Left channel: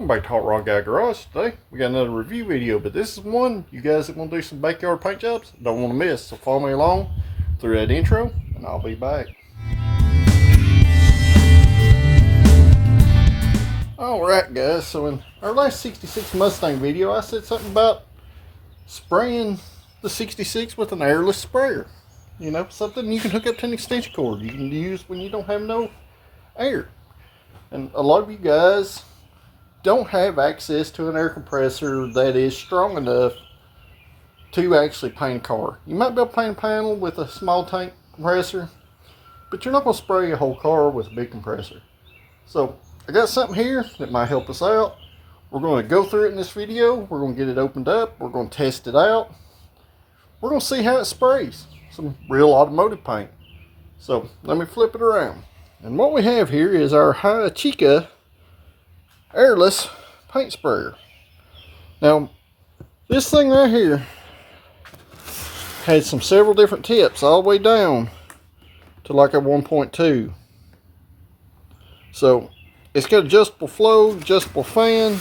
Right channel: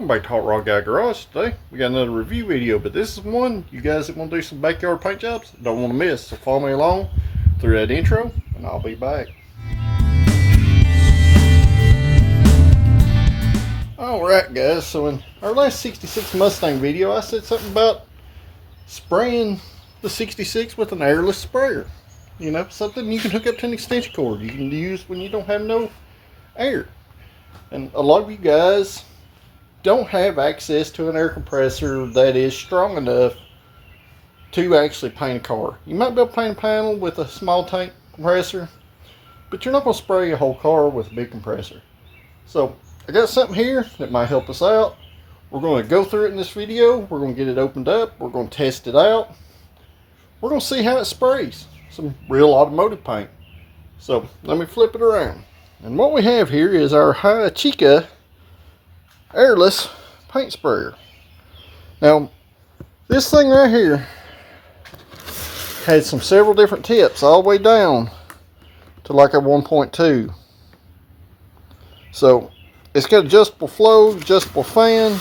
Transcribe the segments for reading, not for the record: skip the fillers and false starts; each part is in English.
welcome back to Hot Rod Guy Garage. Today we got another review video, but this is one you guys that want to do some backyard paint jobs don't want to miss. So follow me along through that intro and I'll be back. Alright guys, so in our last 66 Mustang video I said something about spraying the 66 with an airless sprayer. You know, something you can hook up to an extension cord you can use when you don't have no air. And a lot of you guys don't have access to an air compressor that is strong enough to actually paint a car. You might be able to paint a panel with a small tank compressor, but you're not going to spray a whole car with a big compressor. So I got something here that might help us out. We're going to go through it in this video. We're going to get it opened up. We're going to test it out. We're going to see how it sprays some real automotive paint. So let me flip it around. And what we have here is our Hychika airless paint sprayer. Now this thing right here had several different tips all the way down to like a 1.2. So it's got adjustable flow, adjustable fan.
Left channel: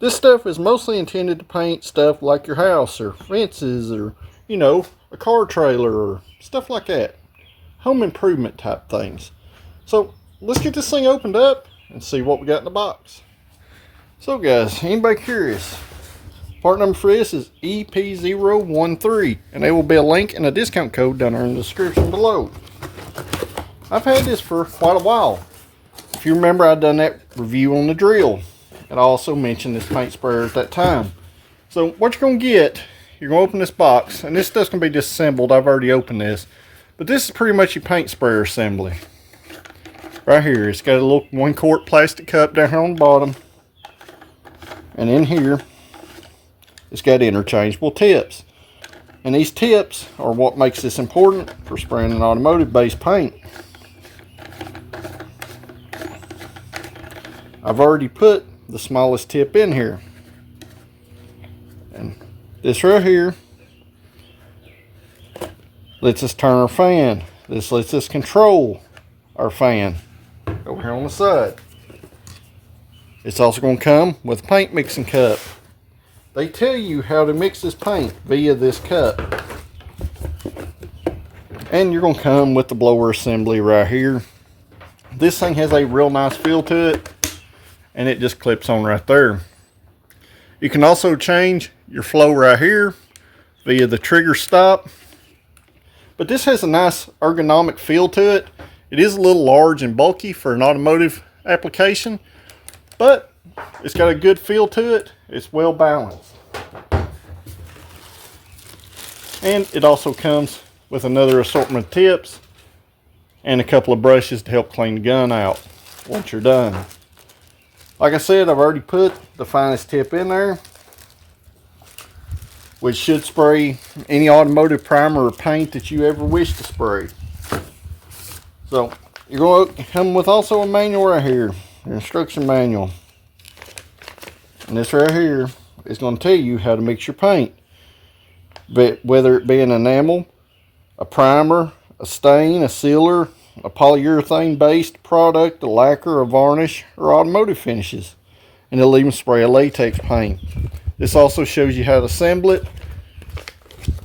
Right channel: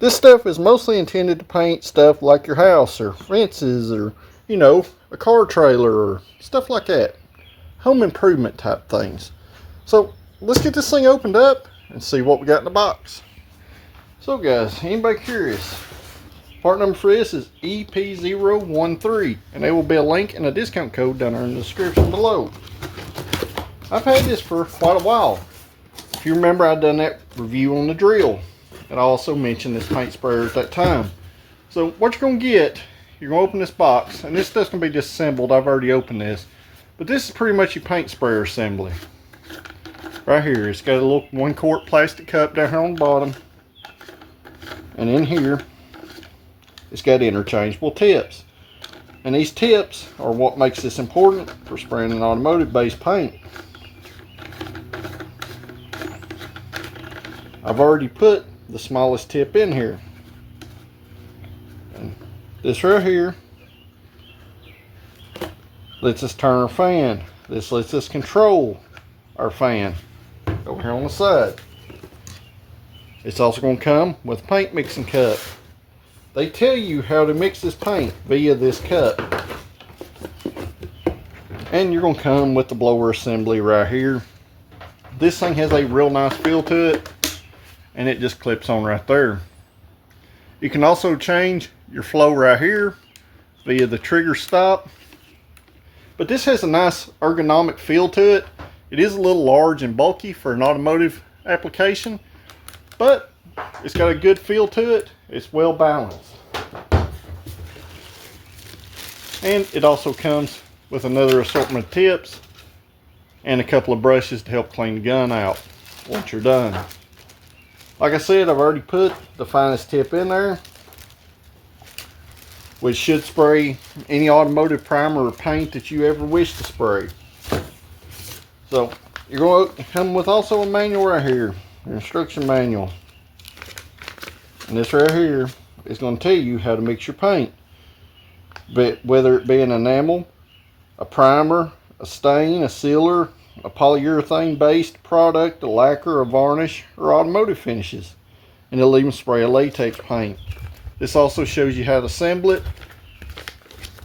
This stuff is mostly intended to paint stuff like your house or fences or, you know, a car trailer or stuff like that. Home improvement type things. So let's get this thing opened up and see what we got in the box. So guys, anybody curious, part number for this is EP013, and there will be a link and a discount code down there in the description below. I've had this for quite a while. If you remember, I've done that review on the drill, and I also mentioned this paint sprayer at that time. So what you're going to get, you're going to open this box, and this stuff's going to be disassembled. I've already opened this, but this is pretty much your paint sprayer assembly. Right here, it's got a little 1 quart plastic cup down here on the bottom, and in here it's got interchangeable tips, and these tips are what makes this important for spraying an automotive based paint. I've already put the smallest tip in here, and this right here lets us turn our fan. This lets us control our fan over here on the side. It's also going to come with a paint mixing cup. They tell you how to mix this paint via this cup. And you're going to come with the blower assembly right here. This thing has a real nice feel to it, and it just clips on right there. You can also change your flow right here via the trigger stop. But this has a nice ergonomic feel to it. It is a little large and bulky for an automotive application, but it's got a good feel to it. It's well balanced. And it also comes with another assortment of tips and a couple of brushes to help clean the gun out once you're done. Like I said, I've already put the finest tip in there, which should spray any automotive primer or paint that you ever wish to spray. So you're going to come with also a manual right here, your instruction manual. And this right here is going to tell you how to mix your paint, but whether it be an enamel, a primer, a stain, a sealer, a polyurethane based product, a lacquer, a varnish, or automotive finishes. And it'll even spray a latex paint. This also shows you how to assemble it.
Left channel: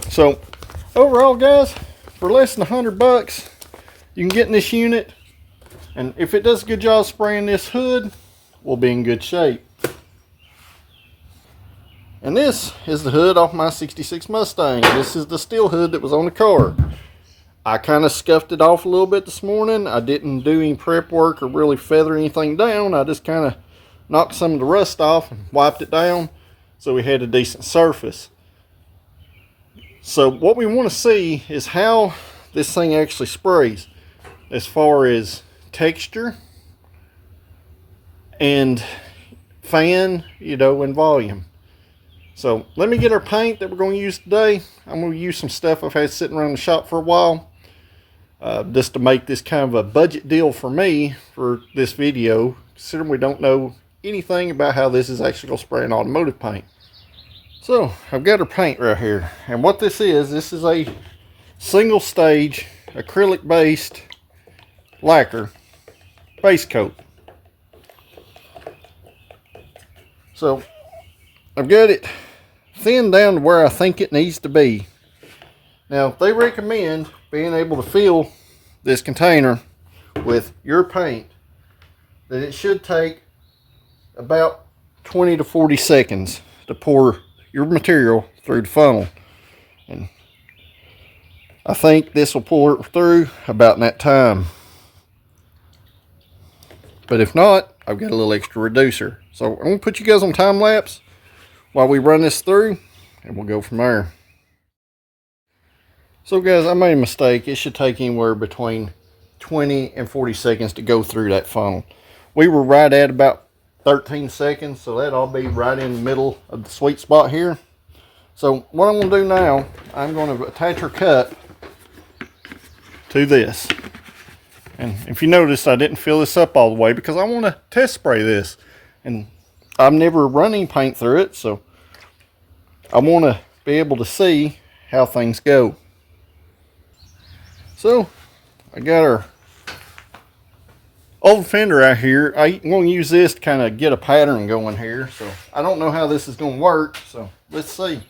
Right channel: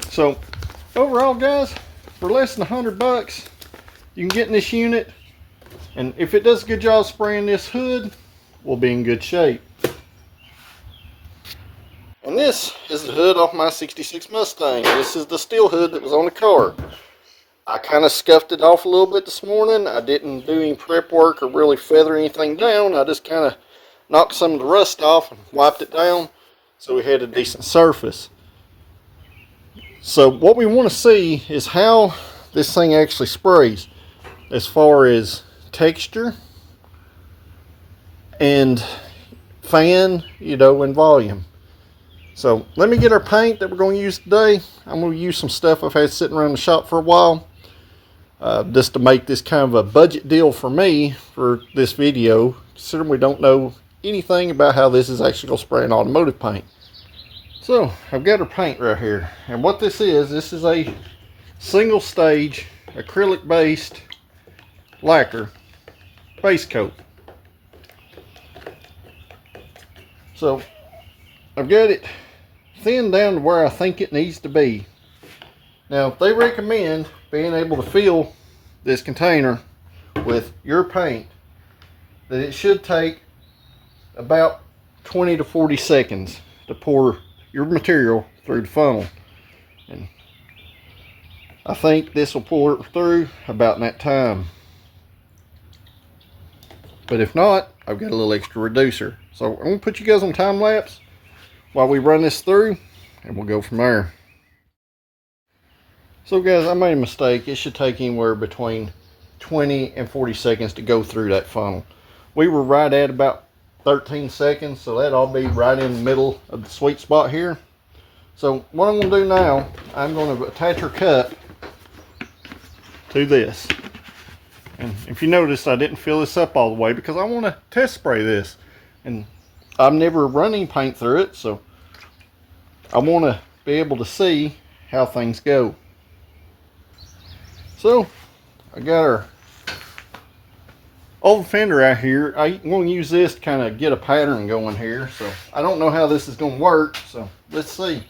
So overall guys, for less than $100 you can get in this unit, and if it does a good job spraying this hood, we'll be in good shape. And this is the hood off my 66 Mustang. This is the steel hood that was on the car. I kind of scuffed it off a little bit this morning. I didn't do any prep work or really feather anything down. I just kind of knocked some of the rust off and wiped it down so we had a decent surface. So what we want to see is how this thing actually sprays as far as texture and fan, you know, and volume. So let me get our paint that we're going to use today. I'm going to use some stuff I've had sitting around the shop for a while, just to make this kind of a budget deal for me for this video, considering we don't know anything about how this is actually going to spray an automotive paint. So I've got our paint right here, and what this is a single stage acrylic based lacquer base coat. So I've got it thinned down to where I think it needs to be. Now they recommend being able to fill this container with your paint, that it should take about 20 to 40 seconds to pour your material through the funnel. And I think this will pour it through about in that time. But if not, I've got a little extra reducer. So I'm going to put you guys on time lapse while we run this through, and we'll go from there. So guys, I made a mistake. It should take anywhere between 20 and 40 seconds to go through that funnel. We were right at about 13 seconds, so that'll be right in the middle of the sweet spot here. So what I'm going to do now, I'm going to attach our cut to this. And if you notice, I didn't fill this up all the way because I want to test spray this. And I've never run any paint through it, so I want to be able to see how things go. So I got our old fender out here. I'm going to use this to kind of get a pattern going here. So I don't know how this is going to work, so let's see.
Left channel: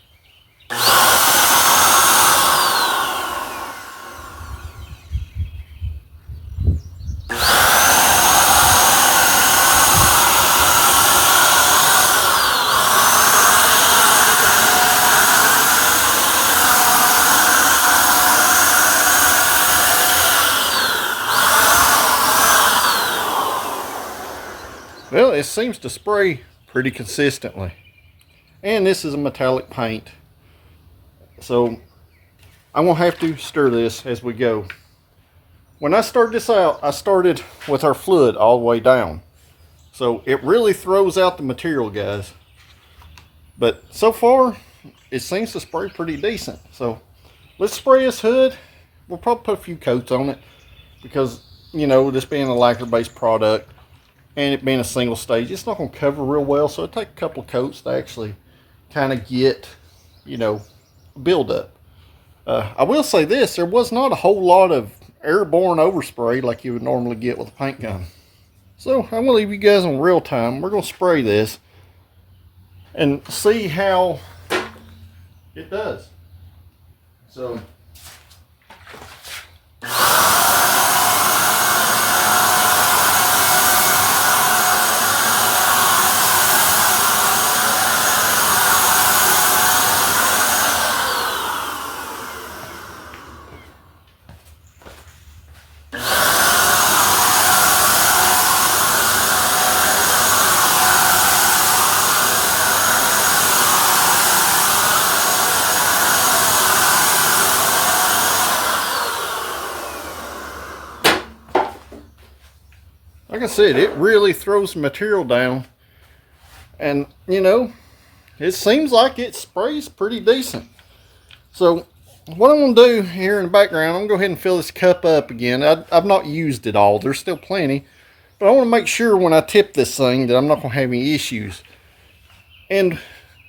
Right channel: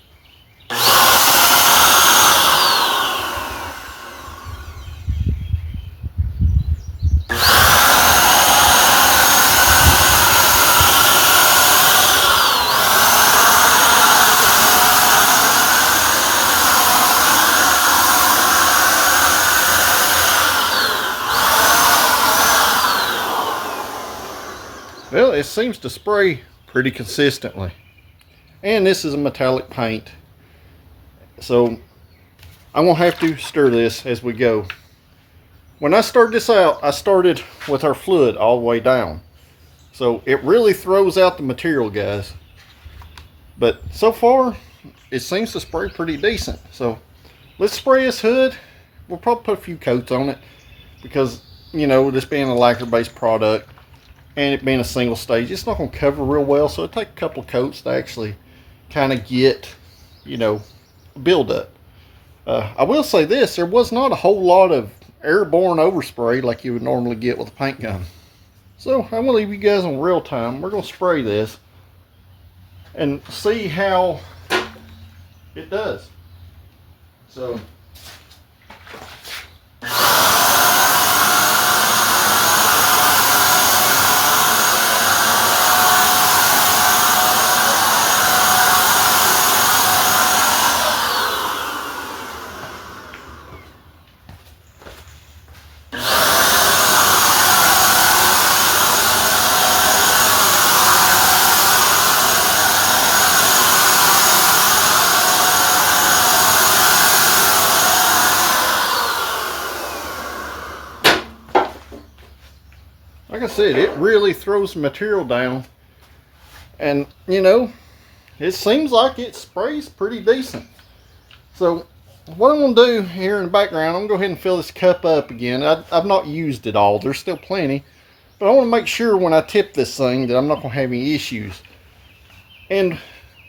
Well, it seems to spray pretty consistently. And this is a metallic paint, so I'm going to have to stir this as we go. When I started this out, I started with our fluid all the way down. So it really throws out the material, guys. But so far, it seems to spray pretty decent. So let's spray this hood. We'll probably put a few coats on it because, you know, this being a lacquer-based product, and it being a single stage, it's not going to cover real well, so it'll take a couple of coats to actually kind of get, you know, build up. I will say this, there was not a whole lot of airborne overspray like you would normally get with a paint gun. So I'm going to leave you guys on real time. We're going to spray this and see how it does. So like I said, it really throws the material down, and you know, it seems like it sprays pretty decent. So what I'm going to do here in the background, I'm going to go ahead and fill this cup up again. I've not used it all, there's still plenty, but I want to make sure when I tip this thing that I'm not going to have any issues. And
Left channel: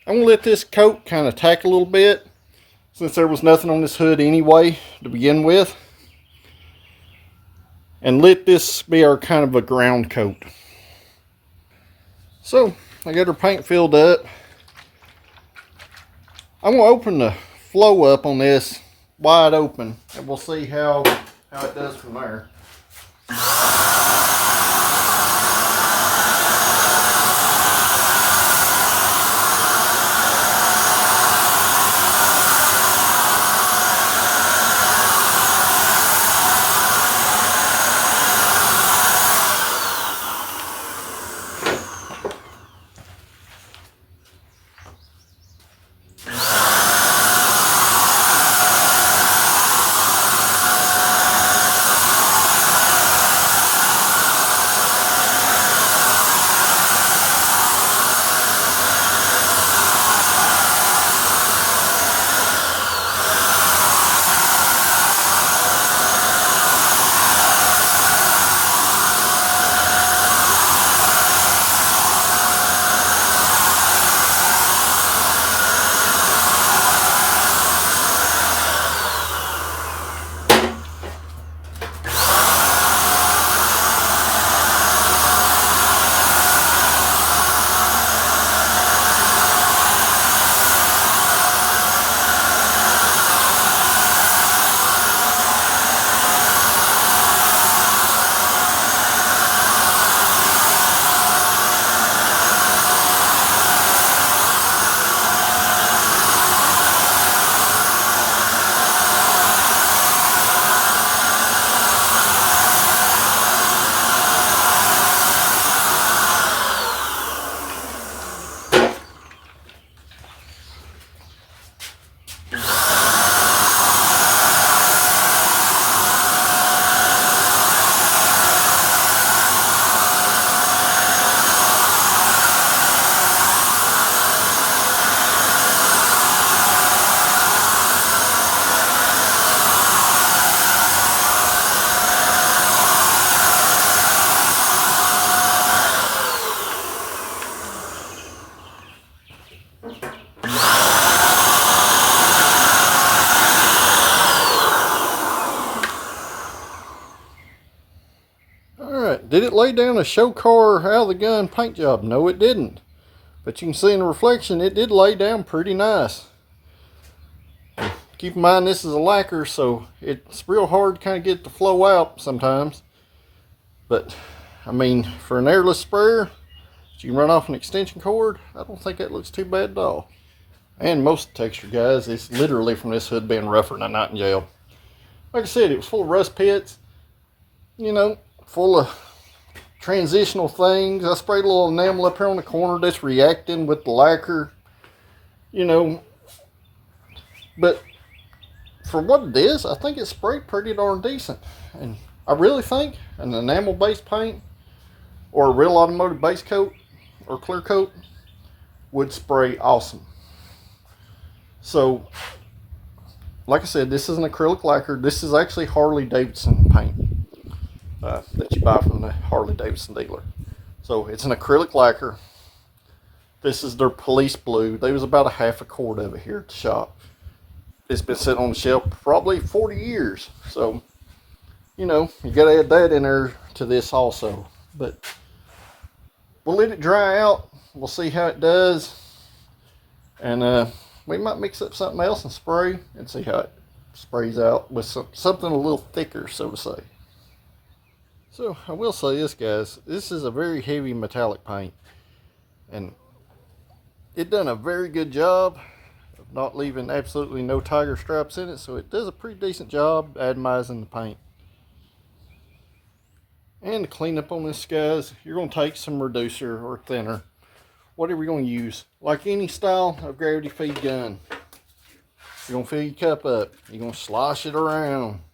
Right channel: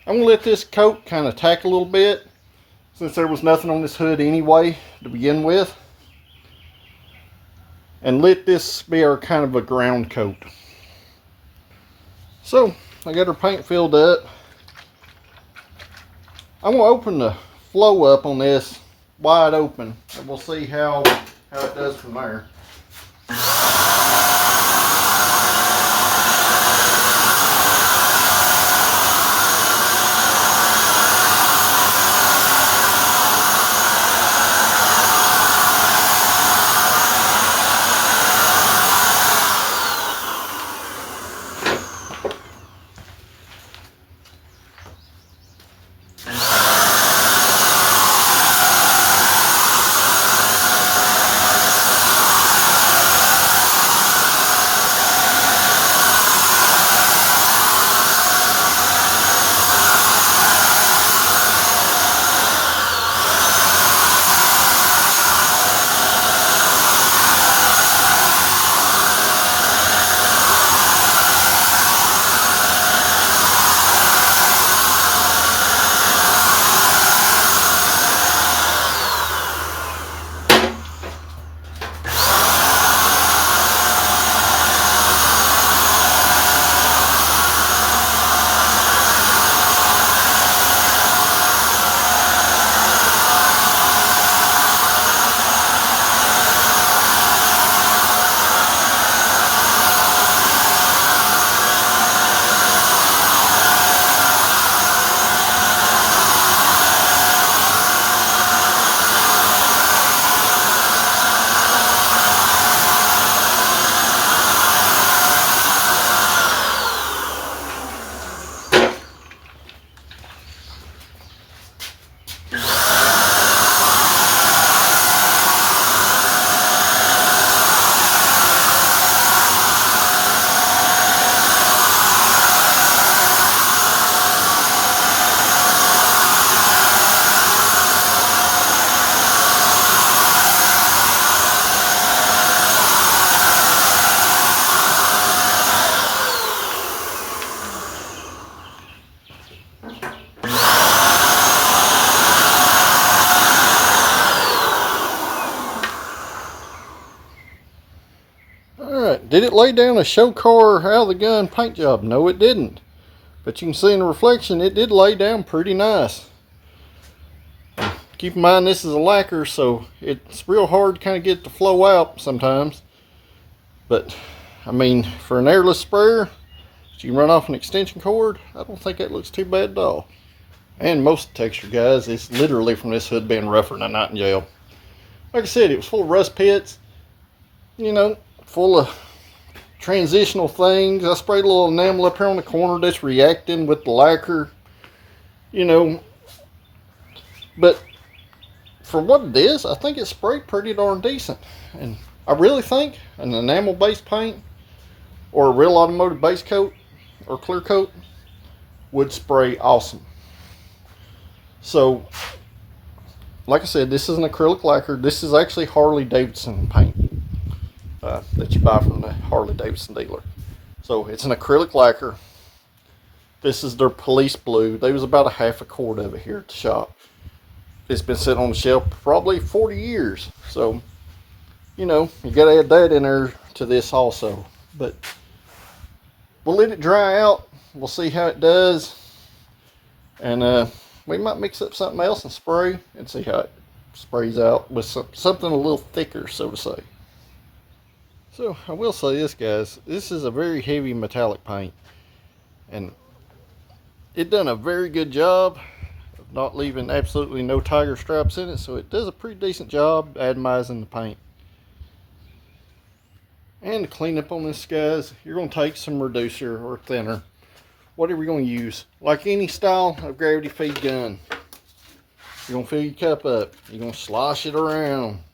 I'm going to let this coat kind of tack a little bit, since there was nothing on this hood anyway to begin with. And let this be our kind of a ground coat. So I got our paint filled up. I'm going to open the flow up on this wide open, and we'll see how it does from there. did it lay down a show car out of the gun paint job? No, it didn't. But you can see in the reflection, it did lay down pretty nice. Keep in mind this is a lacquer, so it's real hard to kind of get it to flow out sometimes. But, I mean, for an airless sprayer that you can run off an extension cord, I don't think that looks too bad at all. And most of the texture, guys, is literally from this hood being rougher than a nightingale. Like I said, it was full of rust pits, you know, full of transitional things. I sprayed a little enamel up here on the corner that's reacting with the lacquer, you know. But for what it is, I think it sprayed pretty darn decent. And I really think an enamel based paint or a real automotive base coat or clear coat would spray awesome. So, like I said, this is an acrylic lacquer. This is actually Harley Davidson paint that you buy from the Harley Davidson dealer. So it's an acrylic lacquer. This is their police blue. There was about a half a quart of it here at the shop. It's been sitting on the shelf for probably 40 years. So, you know, you got to add that in there to this also. But we'll let it dry out. We'll see how it does. And we might mix up something else and spray and see how it sprays out with something a little thicker, so to say. So I will say this, guys. This is a very heavy metallic paint. And it done a very good job of not leaving absolutely no tiger stripes in it. So it does a pretty decent job atomizing the paint. And to clean up on this, guys, you're going to take some reducer or thinner, whatever you're going to use. Like any style of gravity feed gun, you're going to fill your cup up. You're going to slosh it around.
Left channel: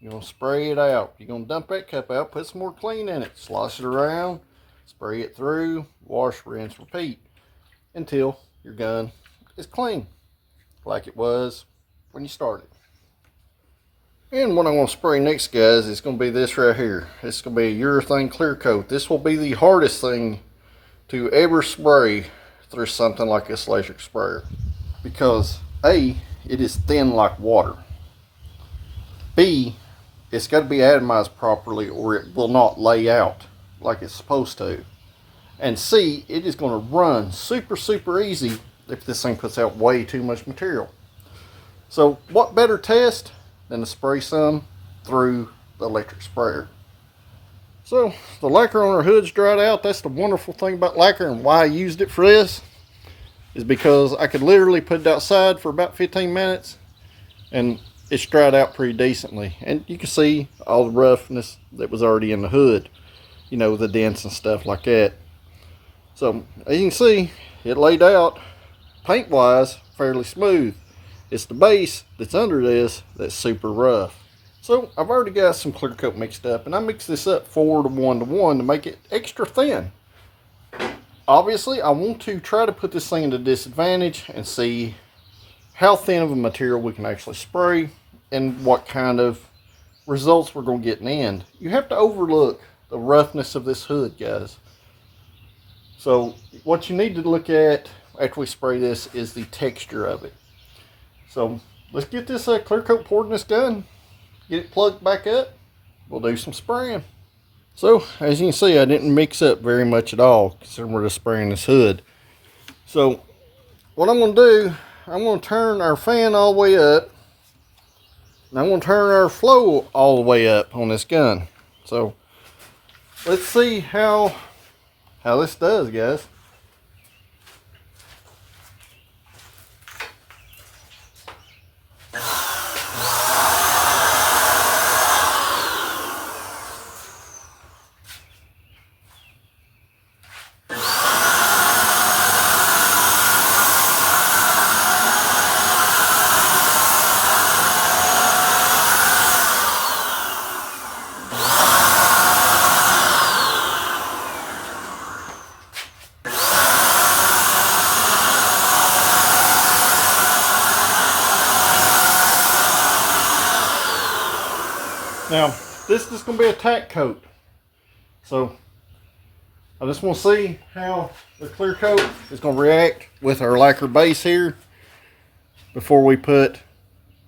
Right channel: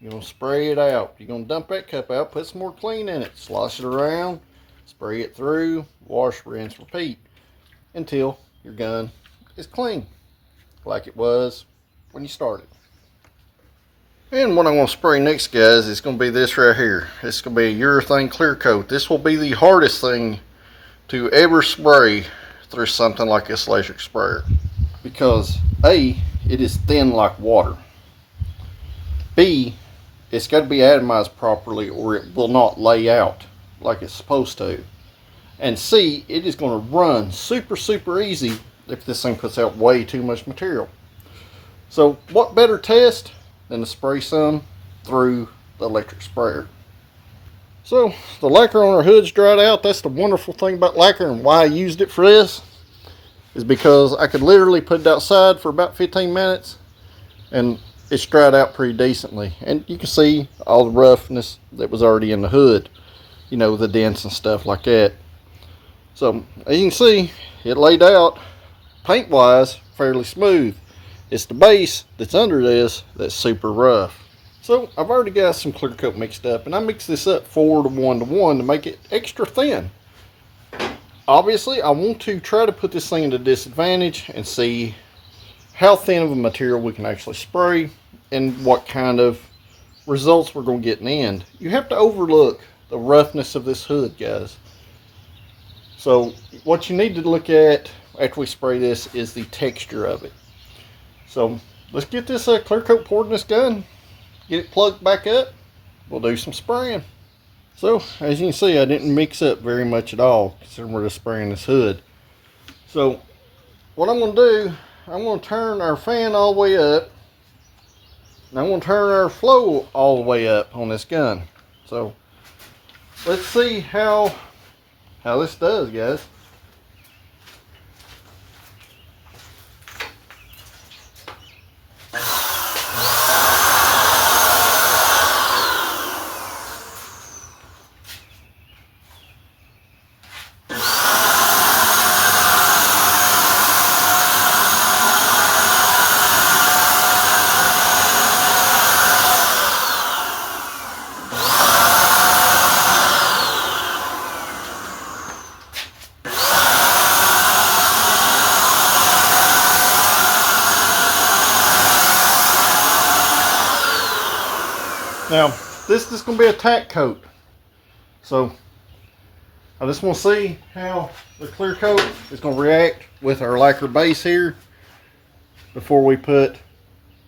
You're going to spray it out. You're going to dump that cup out, put some more clean in it, slosh it around, spray it through, wash, rinse, repeat until your gun is clean like it was when you started. And what I'm going to spray next, guys, is going to be this right here. It's going to be a urethane clear coat. This will be the hardest thing to ever spray through something like this electric sprayer. Because A, it is thin like water. B, it's got to be atomized properly or it will not lay out like it's supposed to. And C, it is going to run super easy if this thing puts out way too much material. So what better test than to spray some through the electric sprayer. So the lacquer on our hood's dried out. That's the wonderful thing about lacquer, and why I used it for this is because I could literally put it outside for about 15 minutes and it's dried out pretty decently. And you can see all the roughness that was already in the hood, you know, the dents and stuff like that. So as you can see, it laid out paint wise fairly smooth. It's the base that's under this that's super rough. So I've already got some clear coat mixed up, and I mixed this up 4 to 1 to 1 to make it extra thin. Obviously, I want to try to put this thing into disadvantage and see how thin of a material we can actually spray and what kind of results we're going to get in the end. You have to overlook the roughness of this hood, guys. So what you need to look at after we spray this is the texture of it. So let's get this clear coat poured in this gun, get it plugged back up, we'll do some spraying. So as you can see, I didn't mix up very much at all considering we're just spraying this hood. So what I'm going to do, I'm going to turn our fan all the way up, and I'm going to turn our flow all the way up on this gun. So let's see how this does, guys. Now, this is going to be a tack coat. So, I just want to see how the clear coat is going to react with our lacquer base here before we put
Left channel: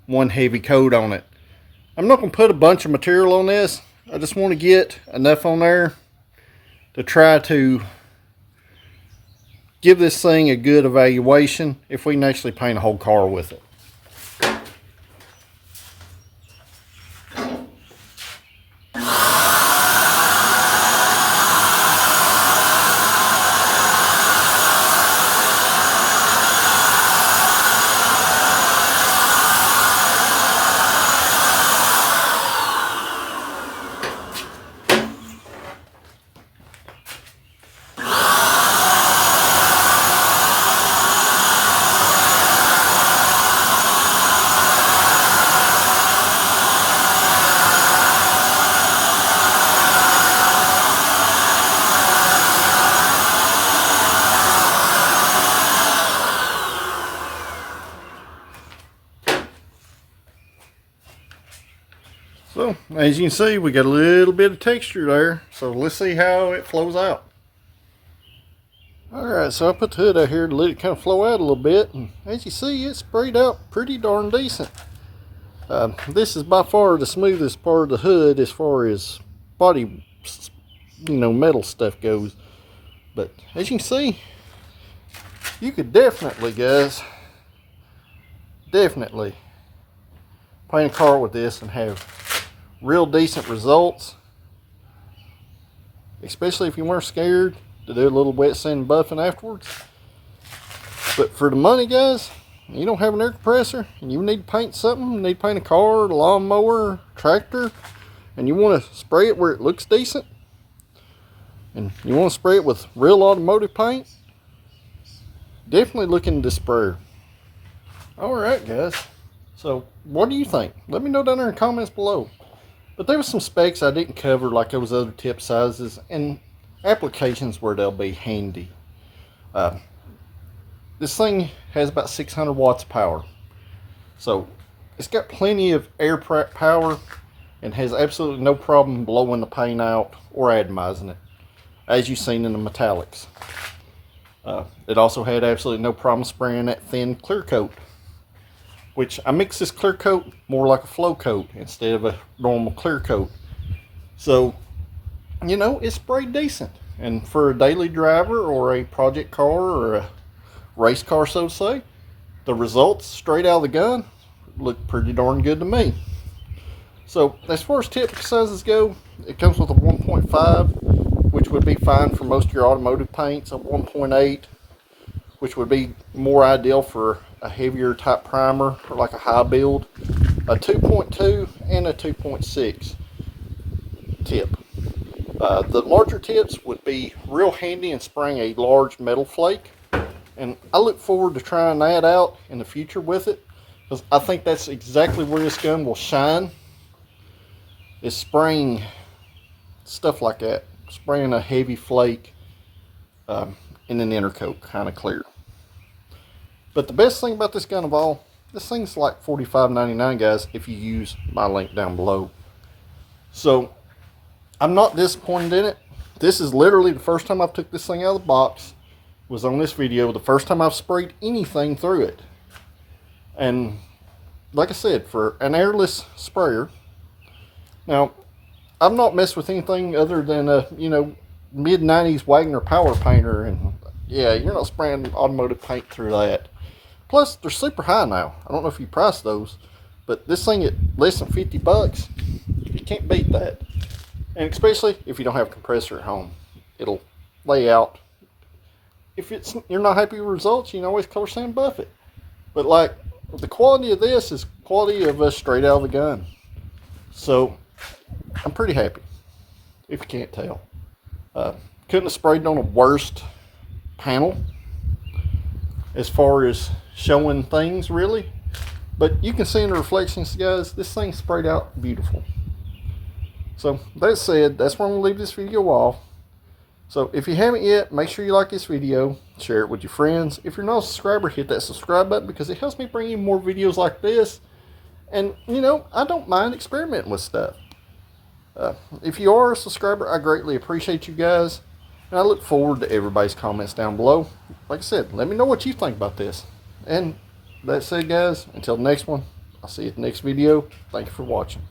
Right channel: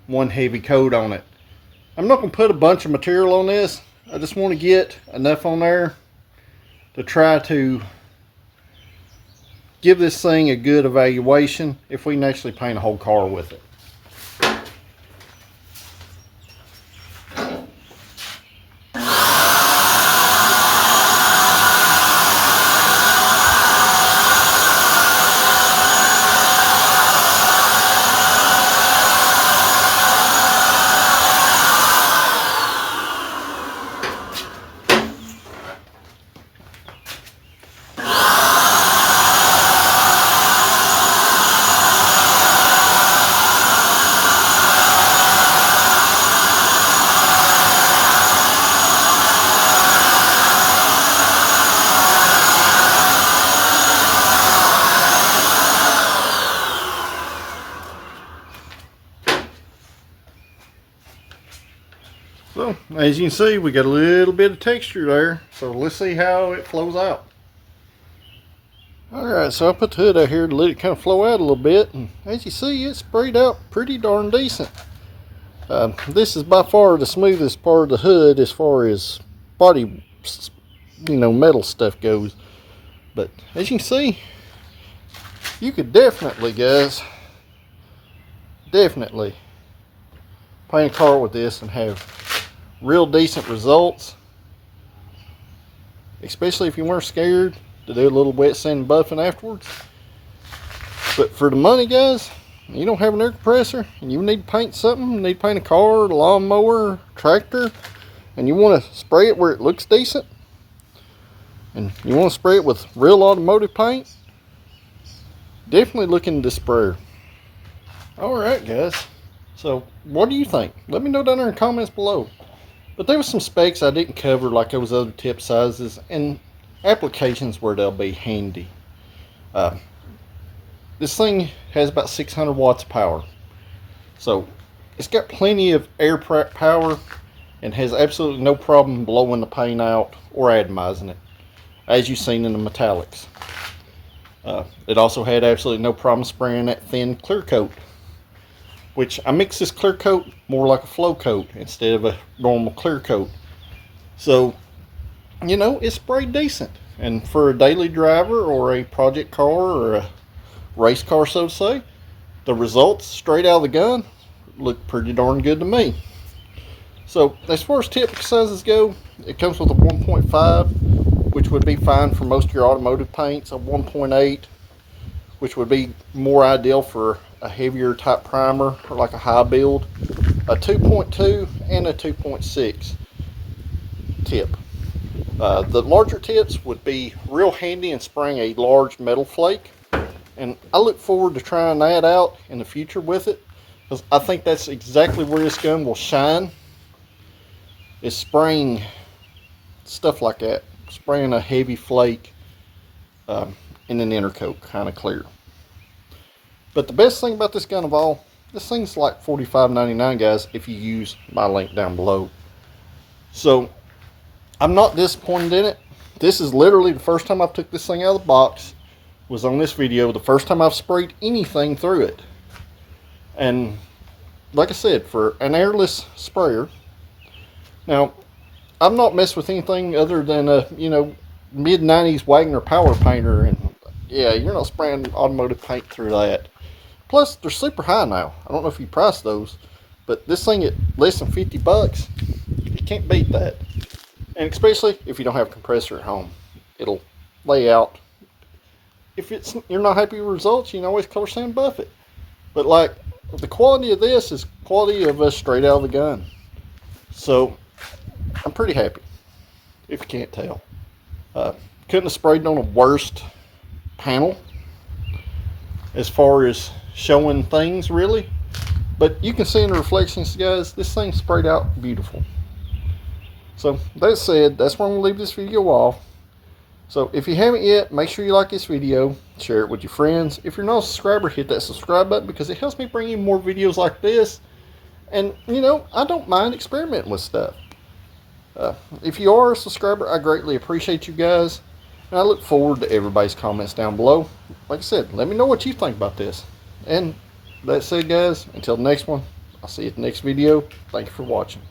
one heavy coat on it. I'm not going to put a bunch of material on this. I just want to get enough on there to try to give this thing a good evaluation if we can actually paint a whole car with it. So, as you can see, we got a little bit of texture there. So let's see how it flows out. Alright, so I put the hood out here to let it kind of flow out a little bit. And as you see, it sprayed out pretty darn decent. This is by far the smoothest part of the hood as far as body, metal stuff goes. But as you can see, you could definitely, guys, definitely paint a car with this and have real decent results, especially if you weren't scared to do a little wet sand buffing afterwards. But for the money, guys, you don't have an air compressor and you need to paint something, you need to paint a car, a lawnmower, tractor, and you want to spray it where it looks decent, and you want to spray it with real automotive paint, definitely look into this sprayer. Alright, guys, so what do you think? Let me know down there in the comments below. But there was some specs I didn't cover, like those other tip sizes and applications where they'll be handy. This thing has about 600 watts of power. So it's got plenty of air power and has absolutely no problem blowing the paint out or atomizing it, as you've seen in the metallics. It also had absolutely no problem spraying that thin clear coat, which I mix this clear coat more like a flow coat instead of a normal clear coat. So, it's sprayed decent. And for a daily driver or a project car or a race car, so to say, the results straight out of the gun look pretty darn good to me. So, as far as tip sizes go, it comes with a 1.5, which would be fine for most of your automotive paints, a 1.8, which would be more ideal for a heavier type primer or like a high build, a 2.2 and a 2.6 tip. The larger tips would be real handy in spraying a large metal flake, and I look forward to trying that out in the future with it, because I think that's exactly where this gun will shine, is spraying stuff like that, spraying a heavy flake in an inner coat, kind of clear. But the best thing about this gun of all, this thing's like $45.99, guys, if you use my link down below. So I'm not disappointed in it. This is literally the first time I've took this thing out of the box, was on this video, the first time I've sprayed anything through it. And like I said, for an airless sprayer, now I've not messed with anything other than a mid-90s Wagner power painter, and yeah, you're not spraying automotive paint through that. Plus, they're super high now. I don't know if you price those, but this thing at less than 50 bucks, you can't beat that. And especially if you don't have a compressor at home, it'll lay out. If you're not happy with results, you can always color sand buff it. But like, the quality of this is quality of us straight out of the gun. So I'm pretty happy, if you can't tell. Couldn't have sprayed on a worst panel as far as showing things, really. But you can see in the reflections, guys, this thing sprayed out beautiful. So that said, that's where I'm going to leave this video off. So if you haven't yet, make sure you like this video, share it with your friends. If you're not a subscriber, hit that subscribe button, because it helps me bring you more videos like this. And I don't mind experimenting with stuff. If you are a subscriber, I greatly appreciate you guys, and I look forward to everybody's comments down below. Like I said, let me know what you think about this. And that said, guys, until the next one, I'll see you at the next video. Thank you for watching.